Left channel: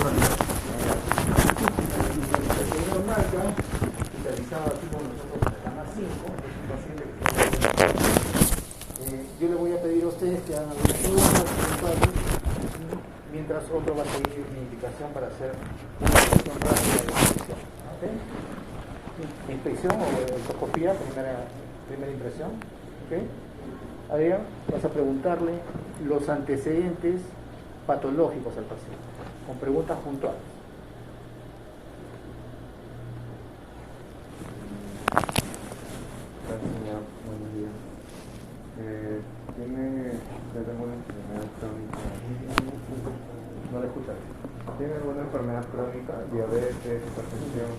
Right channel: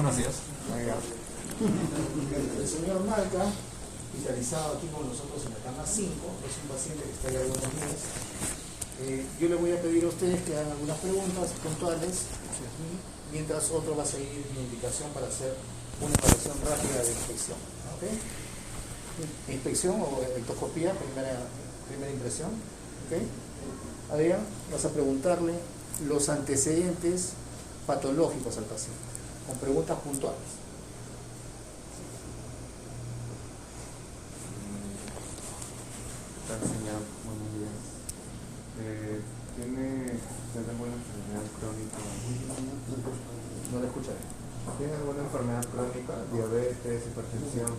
Buenos días. El señor Marca, hospitalizado aquí con nosotros en la cama 5, es un paciente que está yo le voy a pedir a ustedes que hagan algunas preguntas puntuales, mientras otro va a seguir mi indicación para hacer una revisión rápida de la inspección. ¿Okay? Inspección o de ectoscopía, primera impresión. ¿Okay? Adrián, vas a preguntarle los antecedentes patológicos al paciente, con preguntas puntuales. Buenos días. ¿Tiene alguna enfermedad crónica? No lo escuchan. ¿Tiene alguna enfermedad crónica? Diabetes, hipertensión.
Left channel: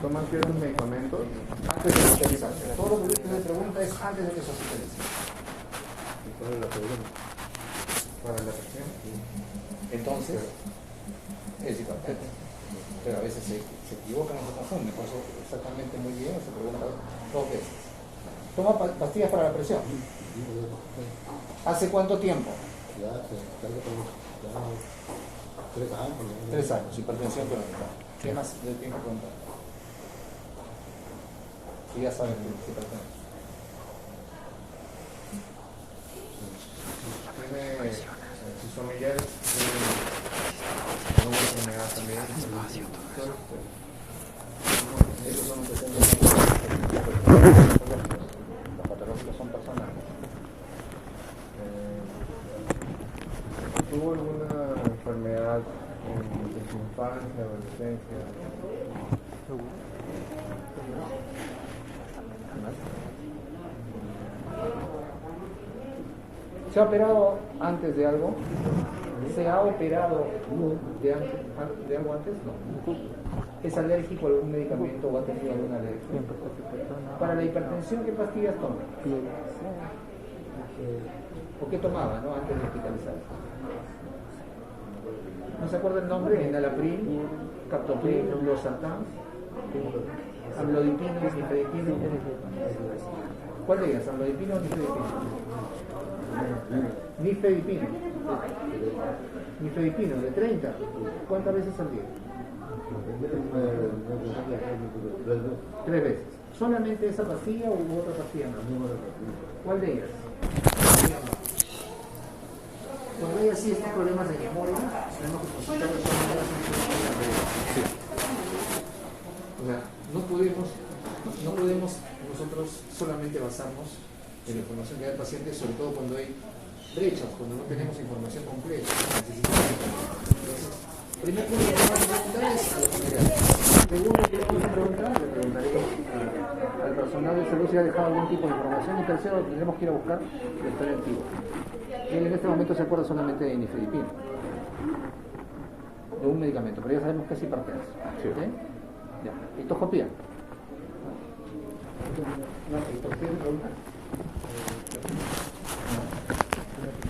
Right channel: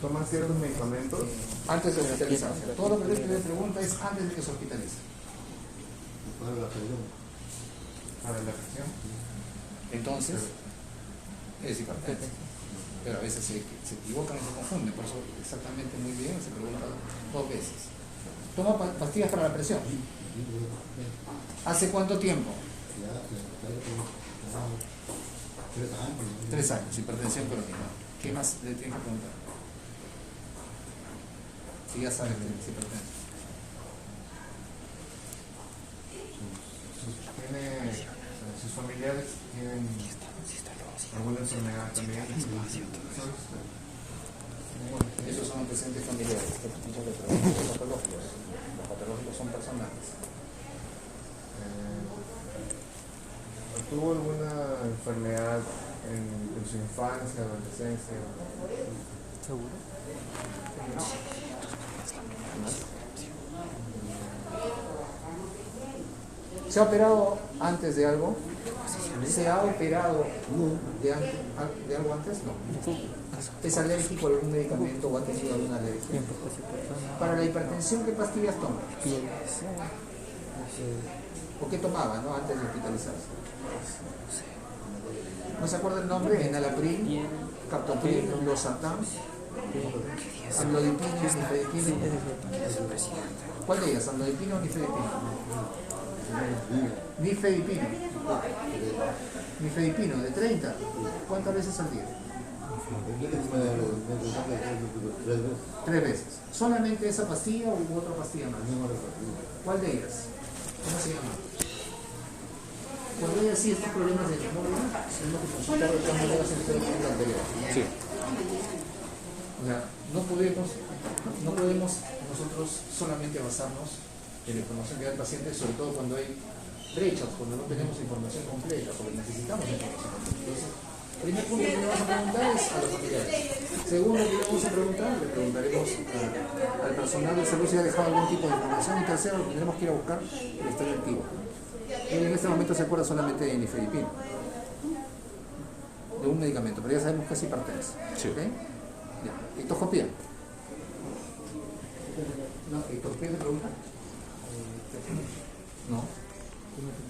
¿Toma ciertos medicamentos? Antes de hospitalizarse. Todo lo que le pregunta es antes de que se hospitalice. ¿Cuál es la pregunta? ¿Para la presión? Entonces, es hipertenso. Pero a veces se equivocan y se confunden. Por eso, exactamente muy bien, se pregunta 2 veces. ¿Toma pastillas para la presión? ¿Hace cuánto tiempo? 3 años, hipertensión crónica. ¿Qué más le tiene que preguntar? Si ya saben que es hipertenso. ¿Tiene sus familiares? ¿Alguna enfermedad también? Esos son antecedentes patológicos. Los patológicos son personales. ¿Tuvo alguna enfermedad en su infancia, adolescencia? ¿Seguro? ¿Se ha operado antes de algo? ¿Se ha operado de algo antes? No. ¿Es alérgico a algún medicamento o ha tenido alguna alergia? Para la hipertensión, ¿qué pastillas toma? ¿O qué tomaba, no, antes de hospitalizarse? ¿No se acuerda el nombre? Enalapril, captopril, losartán, amlodipina, nifedipina. ¿Cuál de ellas? ¿Amlodipina o nifedipina? Nifedipina. Nifedipino de 30. ¿Cuántas veces al día? 3 veces. ¿Solamente esa pastilla u otra pastilla más? ¿Cuál de ellas? Cuando hay así estos problemas de memoria, tenemos que consultar de todas maneras en todo el anterior. Sí. O sea, no podemos nosotros solamente basarnos en la información que da el paciente, sobre todo cuando hay brechas, cuando no tenemos información completa, necesitamos información. Entonces, primer punto que vamos a preguntar es a los familiares. Segundo que vamos a preguntar, le preguntaremos al personal de salud si ha dejado algún tipo de información. Y tercero, tendremos que ir a buscar la historia activa. Él en este momento se acuerda solamente de nifedipina, de un medicamento, pero ya sabemos que es hipertenso. Sí. ¿Okay? Ya. Ectoscopía. No, ectoscopía de pregunta.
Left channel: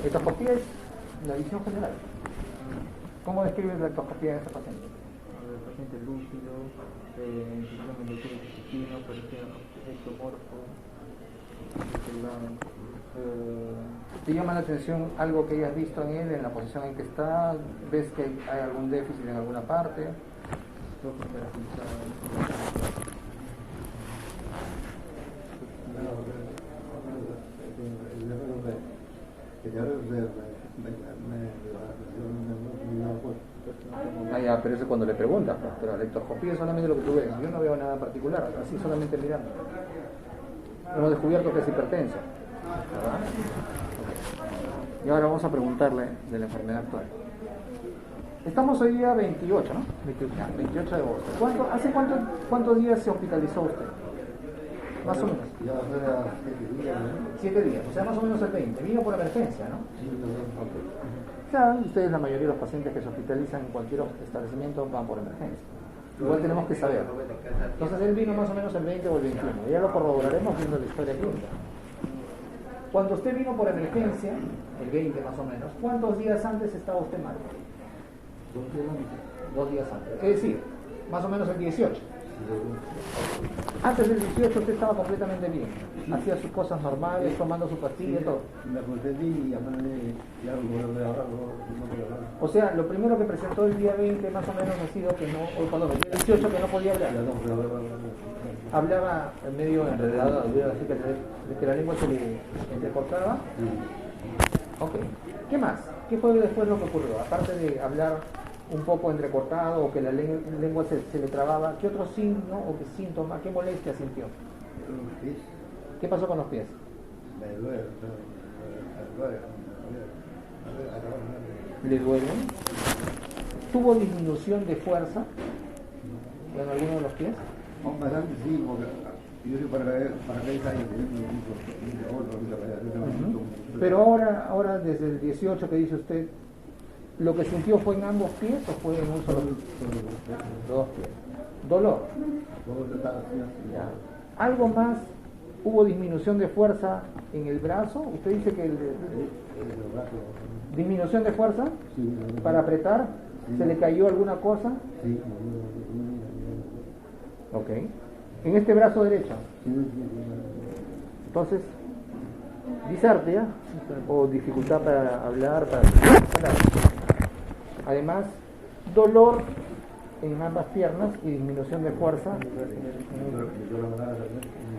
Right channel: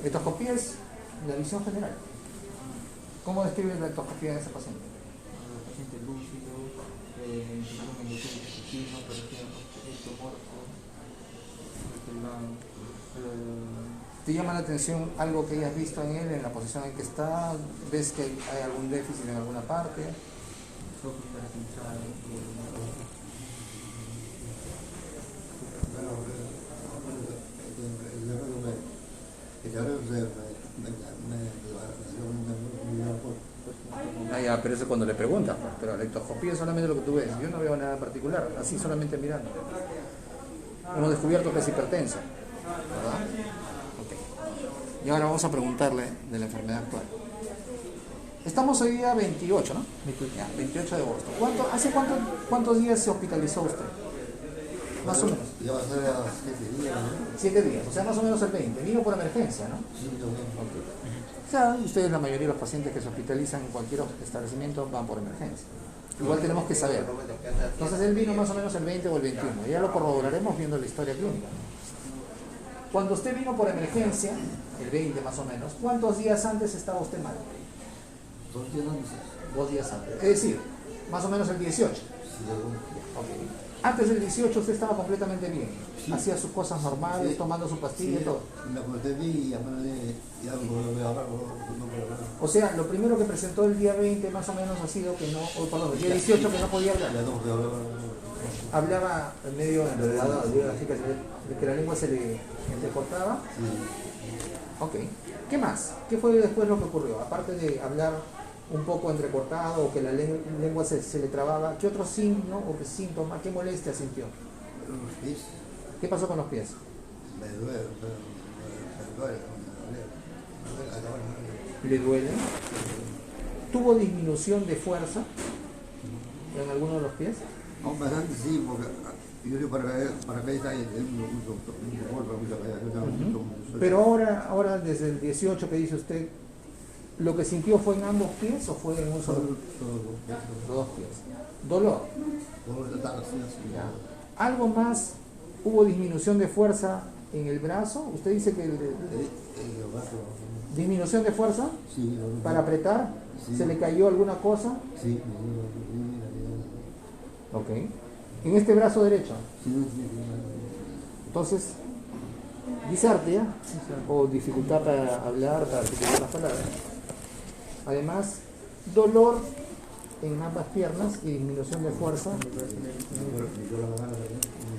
Ectoscopía es la visión general. ¿Cómo describes la ectoscopía de ese paciente? Paciente lúcido, intestino, por ejemplo, ¿Te llama la atención algo que hayas visto en él, en la posición en que está? ¿Ves que hay algún déficit en alguna parte? Ah, ya, pero eso es cuando le preguntas, pues. Pero la ectoscopía es solamente lo que tú ves. Yo no veo nada particular, así solamente mirando. Hemos descubierto que es hipertenso, ¿verdad? Okay. Y ahora vamos a preguntarle de la enfermedad actual. Estamos hoy día 28, ¿no? 28 de agosto. ¿Hace cuántos días se hospitalizó usted? Más o menos. Ya va a ser a 7 días, ¿no? 7 días, o sea, más o menos el 20. Vino por emergencia, ¿no? Sí, también. Claro, ustedes, la mayoría de los pacientes que se hospitalizan en cualquier establecimiento van por emergencia. Igual tenemos que saber. Entonces él vino más o menos el 20 o el 21. Y ya lo corroboraremos viendo la historia clínica. Cuando usted vino por emergencia, el 20 más o menos, ¿cuántos días antes estaba usted mal? 2 días antes. 2 días antes. Es decir, más o menos el 18. Antes del 18 usted estaba completamente bien. Sí. Hacía sus cosas normales, tomando su pastilla y todo. Me acordé y ya me hablé, ya me hablé ahora, O sea, lo primero que presentó el día 20 más o menos ha sido que no, o perdón, el día 18 que no podía hablar. Hablaba medio enredado, así que la lengua se le entrecortaba. Ok. ¿Qué más? ¿Qué fue después lo que ocurrió? Aparte de hablar un poco entrecortado o que la lengua se le trababa, ¿qué otro signo o qué síntoma, qué molestia sintió? ¿Qué pasó con los pies? ¿Le duele? ¿Tuvo disminución de fuerza en alguno de los pies? Bastante sí, porque yo soy paracaidista y Pero ahora desde el 18 que dice usted, ¿lo que sintió fue en ambos pies o fue en un solo? Los dos pies. ¿Dolor? Ya. ¿Algo más? ¿Hubo disminución de fuerza en el brazo? Usted dice que disminución de fuerza sí, para apretar, sí. ¿Se le cayó alguna cosa? Sí. Ok. En este brazo derecho. Sí. Entonces, disartria o dificultad para hablar, para hablar. Además, dolor en ambas piernas y disminución de fuerza.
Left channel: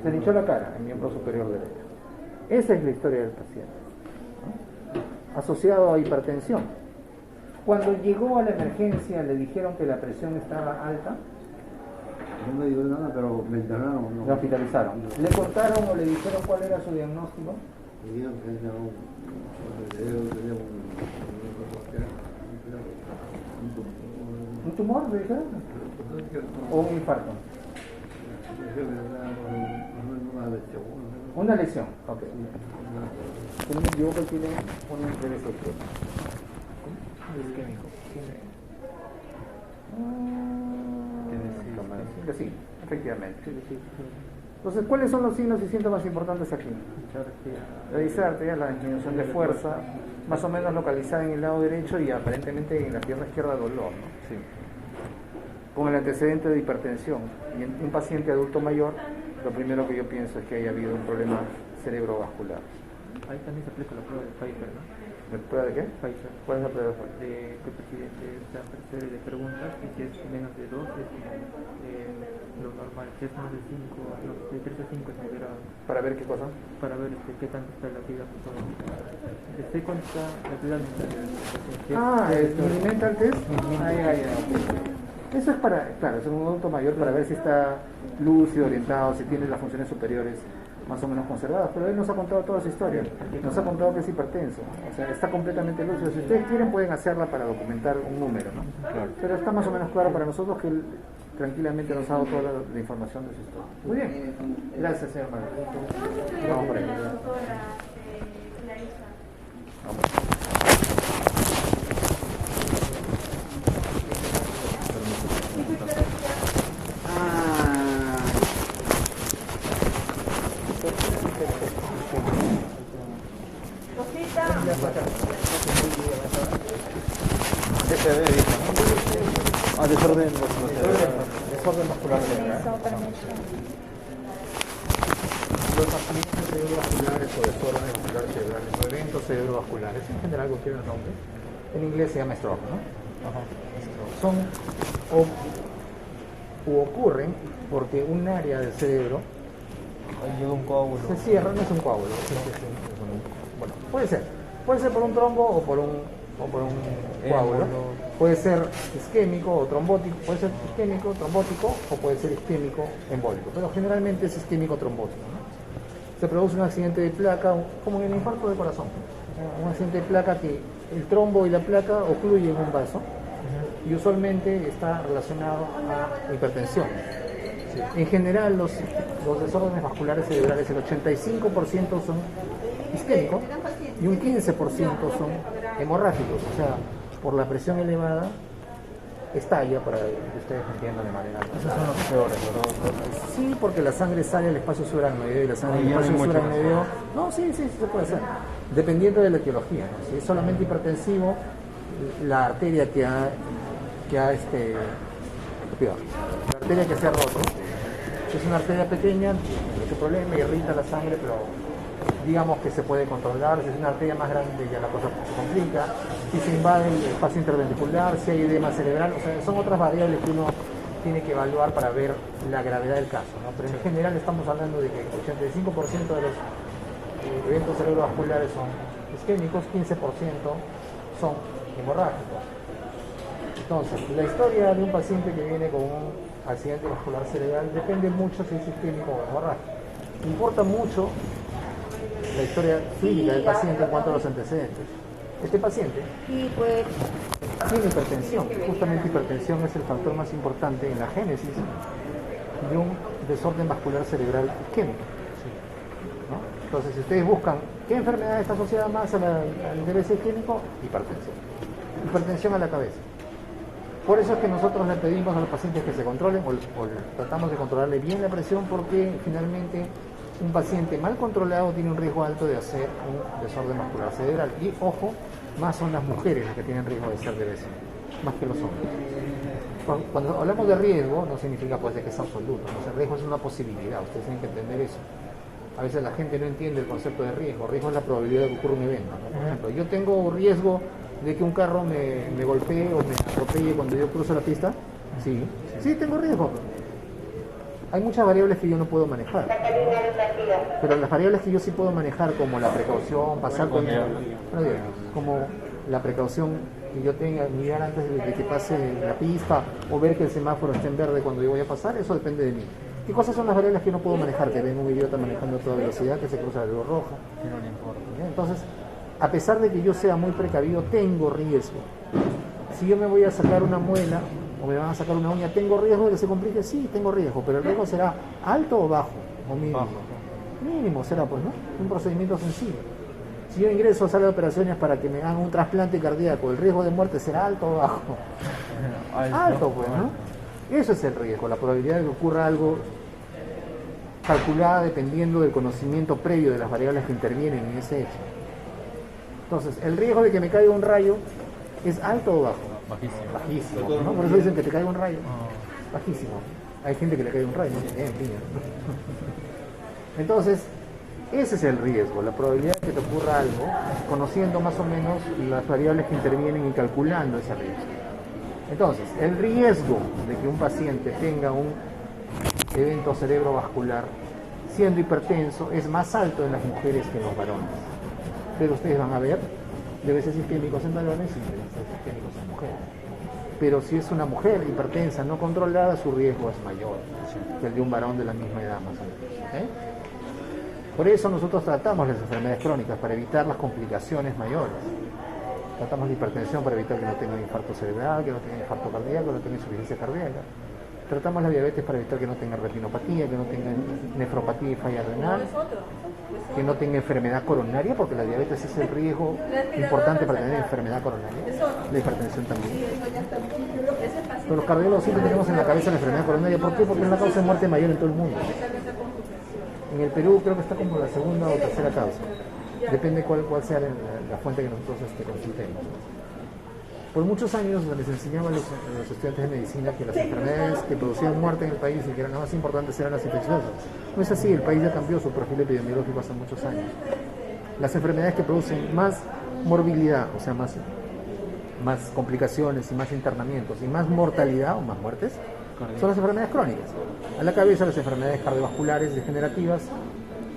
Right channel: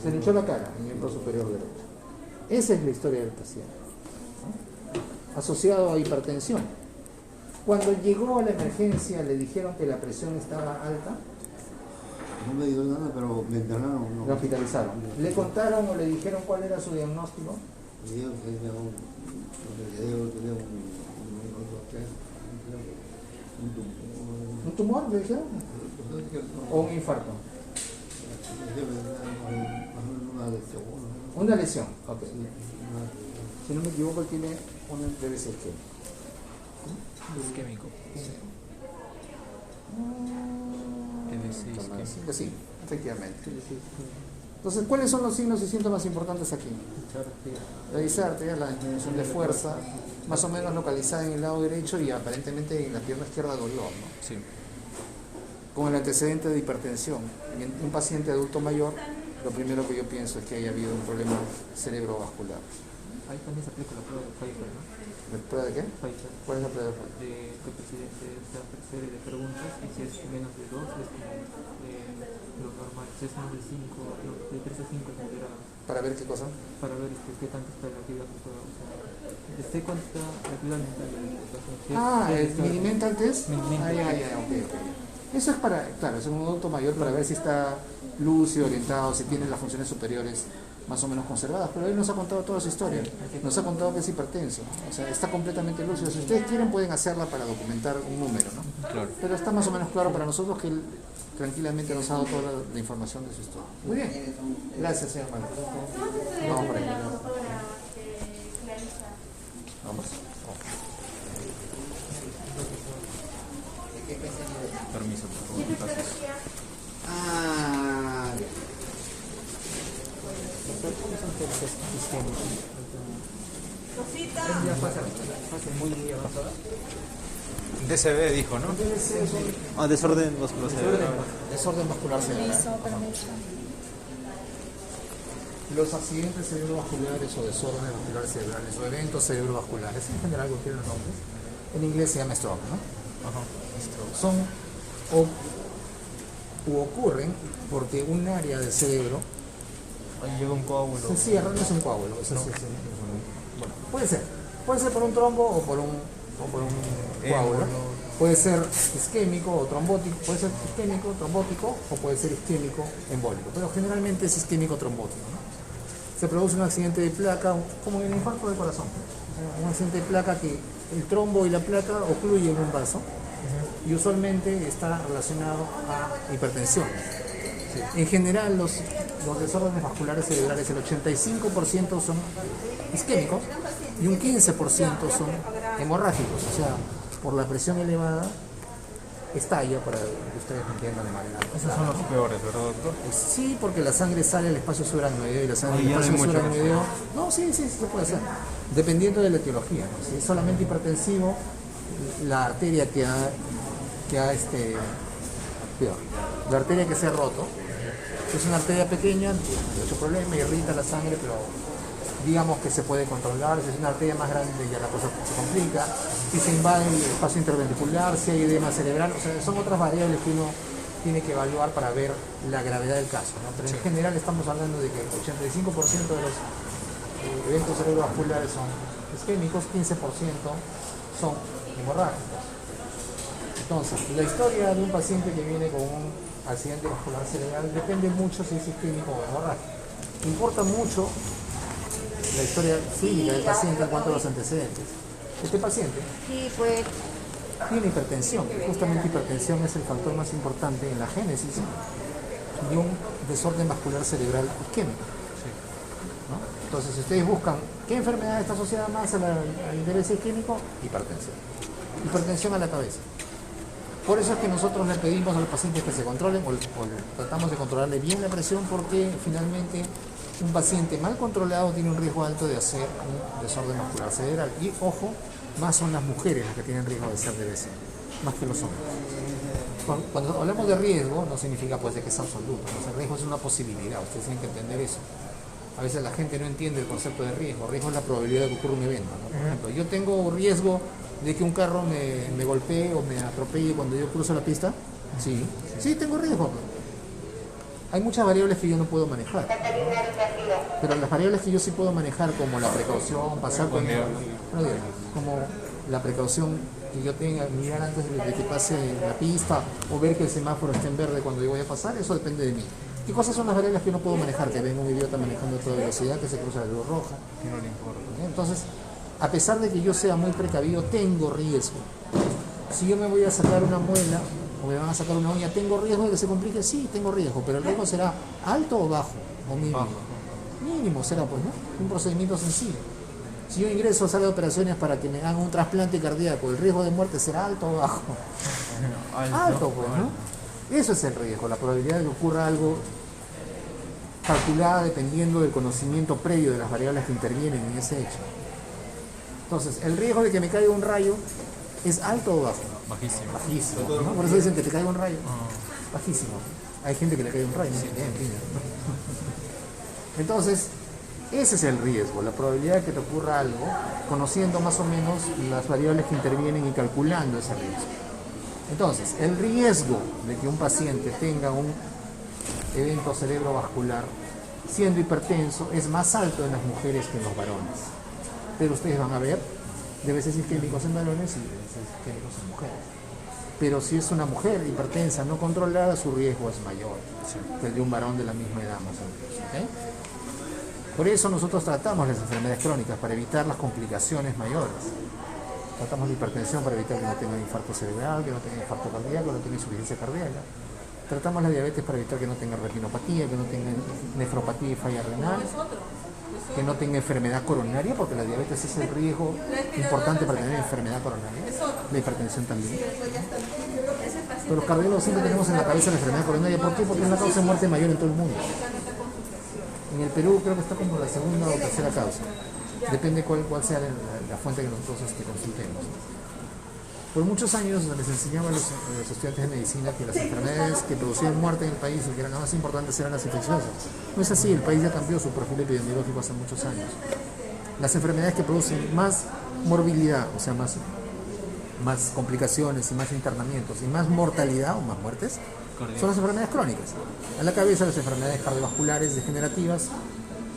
Se le hinchó la cara, el miembro superior derecho. Esa es la historia del paciente, ¿no? Asociado a hipertensión. Cuando llegó a la emergencia le dijeron que la presión estaba alta. No me dijeron nada, pero me internaron. No. Lo hospitalizaron. ¿Le contaron o le dijeron cuál era su diagnóstico? Me dijeron que tenía ¿Un tumor, le dijeron? ¿O un infarto? Una lesión, ok. Si no me equivoco, tiene una TBC. Isquémico. Sí, efectivamente. Entonces, ¿cuáles son los signos y síntomas importantes aquí? La disartria, la disminución de fuerza, más o menos localizada en el lado derecho y aparentemente en la pierna izquierda dolor, ¿no? Sí. Con el antecedente de hipertensión. Y en un paciente adulto mayor, lo primero que yo pienso es que haya habido un problema cerebrovascular. Ahí también se aplica la prueba de Pfeiffer, ¿no? ¿La prueba de qué? Pfeiffer. ¿Cuál es la prueba de Pfeiffer? Que una serie de preguntas y si es menos de 2 es lo normal, si es más de 5, de 3 a 5 es moderado. ¿Para ver qué cosa? Para ver qué tanto está la actividad mental. Sé cuánto está la actividad mental del paciente. ¿El Mini-Mental Test? Mini-Mental. Eso es para, claro, es un adulto mayor para ver si está lúcido, orientado, si tiene las funciones superiores más o menos conservadas, pero él nos ha contado toda su historia, nos ha contado que es hipertenso, o sea, está completamente lúcido. Si ustedes quieren pueden hacerla para documentar un número, ¿no? Claro. Pero está más o menos claro para nosotros que él tranquilamente nos ha dado toda la información de su historia. Muy bien, gracias señor Manuel. Vamos por ahí. DCB dijo, ¿no? Ah, desorden muscular. Desorden muscular cerebral. Los accidentes cerebrovasculares o desórdenes musculares cerebrales o eventos cerebrovasculares, en general cualquiera de los nombres, en inglés se llama stroke, ¿no? Son o ocurren porque un área del cerebro Ahí llega un coágulo. se cierra, no es un coágulo, bueno, puede ser por un trombo o por un coágulo, puede ser isquémico o trombótico, puede ser isquémico, trombótico o puede ser isquémico embólico, pero generalmente es isquémico trombótico, ¿no? Se produce un accidente de placa, como en el infarto del corazón, un accidente de placa que el trombo y la placa ocluyen un vaso y usualmente está relacionado a hipertensión. En general los desórdenes vasculares cerebrales, el 85% son isquémicos y un 15% son hemorrágicos, o sea, por la presión elevada estalla, para que ustedes me entiendan de manera. Esos son los peores, ¿verdad? Sí, porque la sangre sale al espacio subaracnoideo y la sangre del espacio subaracnoideo. No, sí, se puede hacer. Dependiendo de la etiología, ¿no? Si es solamente hipertensivo, la arteria que ha cuidado, la arteria que se ha roto, es una arteria pequeña, mucho problema, irrita la sangre, pero digamos que se puede controlar. Si es una arteria más grande ya la cosa se complica, si se invade el espacio interventricular, si hay edema cerebral, o sea, son otras variables que uno tiene que evaluar para ver la gravedad del caso, ¿no? Pero en general estamos hablando de que el 85% de los eventos cerebrovasculares son isquémicos, 15% son hemorrágicos. Entonces, la historia de un paciente que viene con un accidente vascular cerebral depende mucho si es isquémico o hemorrágico. Importa mucho la historia clínica del paciente en cuanto a los antecedentes. Este paciente Sí, pues. tiene hipertensión. Justamente hipertensión es el factor más importante en la génesis de un desorden vascular cerebral isquémico, ¿no? Entonces, si ustedes buscan qué enfermedad está asociada más al interés isquémico, hipertensión. Hipertensión a la cabeza. Por eso es que nosotros le pedimos a los pacientes que se controlen o tratamos de controlarle bien la presión, porque finalmente un paciente mal controlado tiene un riesgo alto de hacer un desorden vascular cerebral. Y ojo, más son las mujeres las que tienen riesgo de ser DBC, más que los hombres. Cuando hablamos de riesgo, no significa pues de que es absoluto, ¿no? El riesgo es una posibilidad, ustedes tienen que entender eso. A veces la gente no entiende el concepto de riesgo. Riesgo es la probabilidad de que ocurra un evento, ¿no? Por ejemplo, yo tengo riesgo de que un carro me golpee o me atropelle cuando yo cruzo la pista. Sí, tengo riesgo. Hay muchas variables que yo no puedo manejar, pero las variables que yo sí puedo manejar, como la precaución, pasar con como la precaución que yo tenga, mirar antes de que pase la pista o ver que el semáforo esté en verde cuando yo voy a pasar, eso depende de mí. ¿Qué cosas son las variables que no puedo manejar? Que ven un idiota manejando a toda velocidad, que se cruza la luz roja. Entonces, a pesar de que yo sea muy precavido, tengo riesgo. Si yo me voy a sacar una muela o me van a sacar una uña, ¿tengo riesgo de que se complique? Sí, tengo riesgo, pero el riesgo será alto o bajo, o mínimo. Mínimo será, pues, ¿no? Un procedimiento sencillo. Si yo ingreso a sala de operaciones para que me hagan un trasplante cardíaco, ¿el riesgo de muerte será alto o bajo? Alto, pues, ¿no? Eso es el riesgo, la probabilidad de que ocurra algo calculada dependiendo del conocimiento previo de las variables que intervienen en ese hecho. Entonces, el riesgo de que me caiga un rayo es alto o bajo. Bajísimo, ¿no? Por eso dicen que te caiga un rayo. Bajísimo. Hay gente que le cae un rayo, ¿no? Entonces, ese es el riesgo, la probabilidad de que te ocurra algo, conociendo más o menos las variables que intervienen y calculando ese riesgo. Entonces, el riesgo de que un paciente tenga un evento cerebrovascular siendo hipertenso es más alto en las mujeres que en los varones. Pero ustedes van a ver DBCs isquémicos en varones y DBCs isquémicos en mujeres. Pero si es una mujer hipertensa no controlada, su riesgo es mayor que el de un varón de la misma edad, más o menos. ¿Okay? Por eso nosotros tratamos las enfermedades crónicas, para evitar las complicaciones mayores. Tratamos la hipertensión para evitar que no tenga infarto cerebral, que no tenga infarto cardíaco, que no tenga insuficiencia cardíaca. Tratamos la diabetes para evitar que no tenga retinopatía, que no tenga nefropatía y falla renal, que no tenga enfermedad coronaria, porque la diabetes es el riesgo importante para tener enfermedad coronaria. La hipertensión también. Pero los cardiólogos siempre tenemos en la cabeza la enfermedad coronaria. ¿Por qué? Porque es la causa de muerte mayor en todo el mundo. En el Perú creo que está como la segunda o tercera causa. Depende cuál sea la fuente que nosotros consultemos. Por muchos años les enseñaba a los estudiantes de medicina que las enfermedades que producían muerte en el país y que eran las más importantes eran las infecciosas. No es así, el país ya cambió su perfil epidemiológico hace muchos años. Las enfermedades que producen más morbilidad, o sea, más complicaciones y más internamientos y más mortalidad o más muertes, son las enfermedades crónicas. A la cabeza las enfermedades cardiovasculares degenerativas,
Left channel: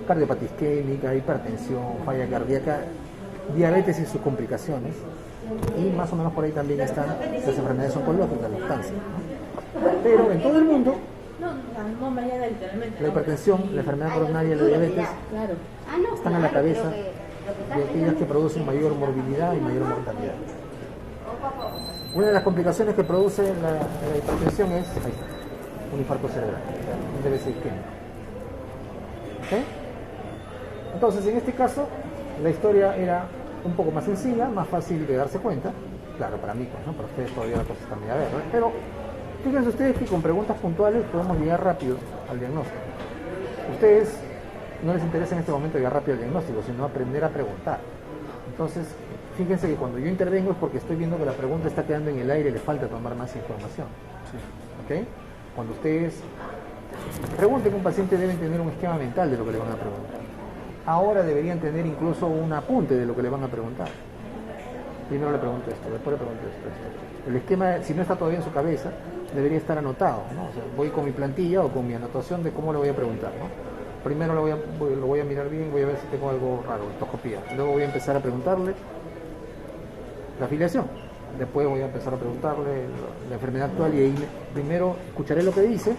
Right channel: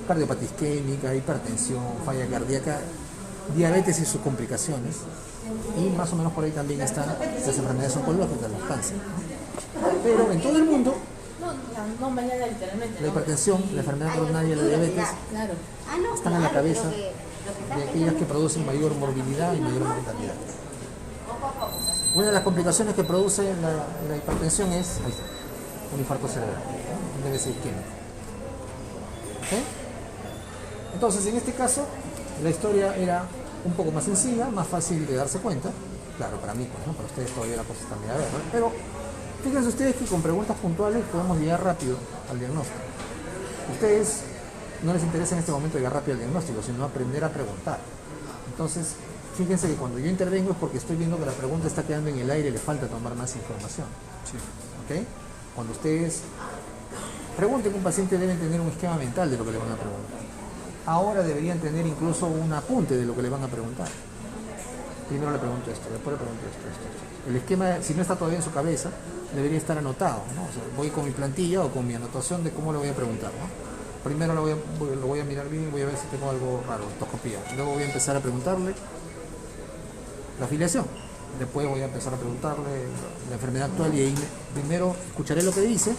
cardiopatía isquémica, hipertensión, falla cardíaca, diabetes y sus complicaciones, y más o menos por ahí también están las enfermedades oncológicas, el cáncer. Pero en todo el mundo, la hipertensión, la enfermedad coronaria y la diabetes están a la cabeza de aquellas que producen mayor morbilidad y mayor mortalidad. Una de las complicaciones que produce la hipertensión es un infarto cerebral, un DBC isquémico. ¿Okay? Entonces, en este caso, la historia era un poco más sencilla, más fácil de darse cuenta. Claro, para mí, pues, ¿no? Para ustedes todavía la cosa está media verde, ¿no? Pero fíjense ustedes que con preguntas puntuales podemos llegar rápido al diagnóstico. A ustedes no les interesa en este momento llegar rápido al diagnóstico, sino aprender a preguntar. Entonces, fíjense que cuando yo intervengo es porque estoy viendo que la pregunta está quedando en el aire y le falta tomar más información. ¿Okay? Cuando ustedes pregunten a un paciente, deben tener un esquema mental de lo que le van a preguntar. ahora deberían tener incluso un apunte de lo que le van a preguntar. Primero le pregunto esto, después le pregunto esto. El esquema, si no está todavía en su cabeza, debería estar anotado, ¿no? O sea, voy con mi plantilla o con mi anotación de cómo le voy a preguntar, ¿no? Primero lo voy a mirar bien, voy a ver si tengo algo raro, ortoscopía. Luego voy a empezar a preguntarle la afiliación. Después voy a empezar a preguntarle la enfermedad actual y ahí primero escucharé lo que dice,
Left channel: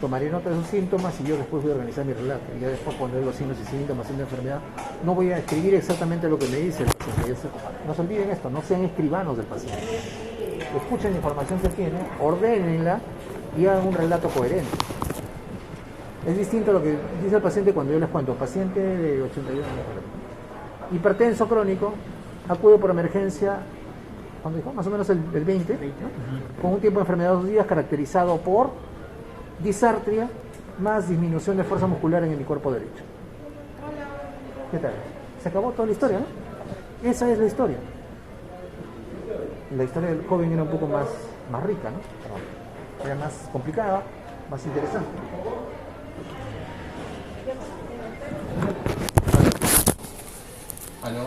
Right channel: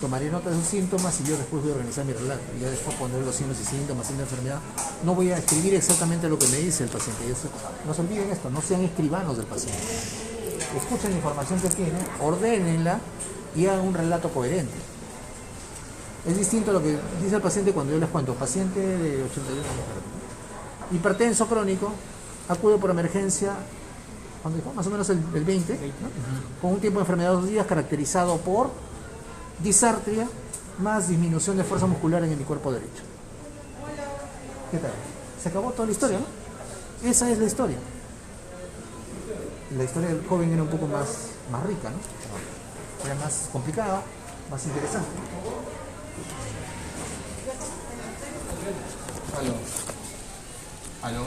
tomaré nota de sus síntomas y yo después voy a organizar mi relato. Y ya después poner los signos y síntomas de la enfermedad. No voy a escribir exactamente lo que me dice el paciente. No se olviden esto, no sean escribanos del paciente. Escuchen la información que tienen, ordénenla y hagan un relato coherente. Es distinto a lo que dice el paciente cuando yo les cuento. Paciente de 81 años, hipertenso crónico, acude por emergencia, ¿cuándo dijo? Más o menos el 20, ¿no? Con un tiempo de enfermedad de 2 días caracterizado por disartria más disminución de fuerza muscular en mi cuerpo derecho. ¿Qué tal? Se acabó toda la historia, ¿no? Esa es la historia. La historia del joven era un poco más rica, ¿no? Era más complicada, más interesante. ¿Aló?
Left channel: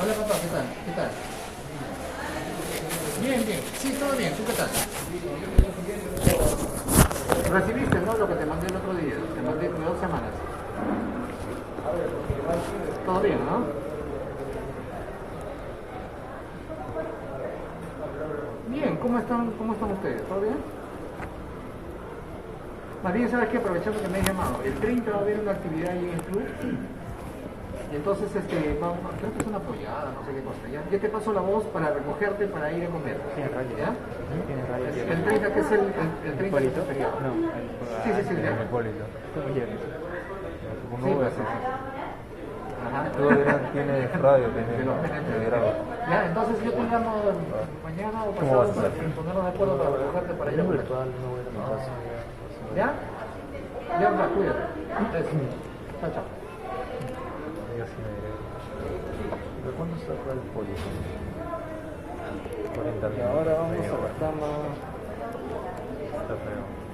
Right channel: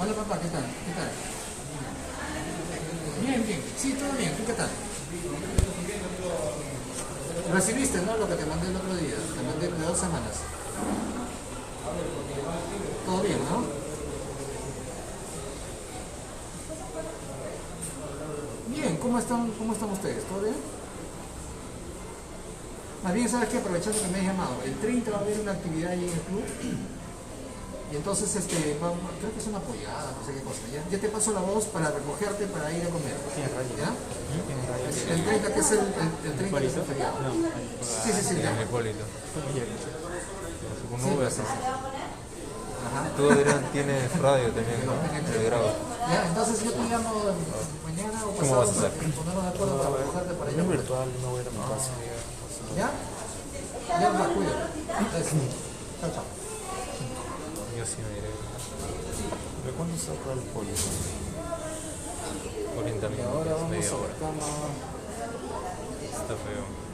Hola papá, ¿qué tal? ¿Qué tal? Bien, sí, todo bien, ¿tú qué tal? Recibiste, ¿no? Lo que te mandé el otro día, te mandé de 2 semanas. Todo bien, ¿no? Bien, ¿cómo están ustedes? ¿Todo bien? Más bien, ¿sabes qué? Aprovechando que me has llamado, el 30 va a haber una actividad ahí en el club. Y entonces, creo que es una apoyada, no sé qué cosa. Ya te paso la voz para recogerte para ir a comer. ¿Ya? El 30, que es el 30 que es el feriado. Sí, ya. El Hipólito. Sí, pues sí. Ajá. Todo tiene radio, tiene grado. Ya, entonces yo te llamo mañana o pasado vas a hacer? para ponernos de acuerdo para recogerte para ir a comer. ¿Ya? Ya, cuídate. Entonces, chao. Yo sí me iré. ¿De cuándo saca el pollo? Por internet. Y ahora vamos Medio, a sacarnos. está feo.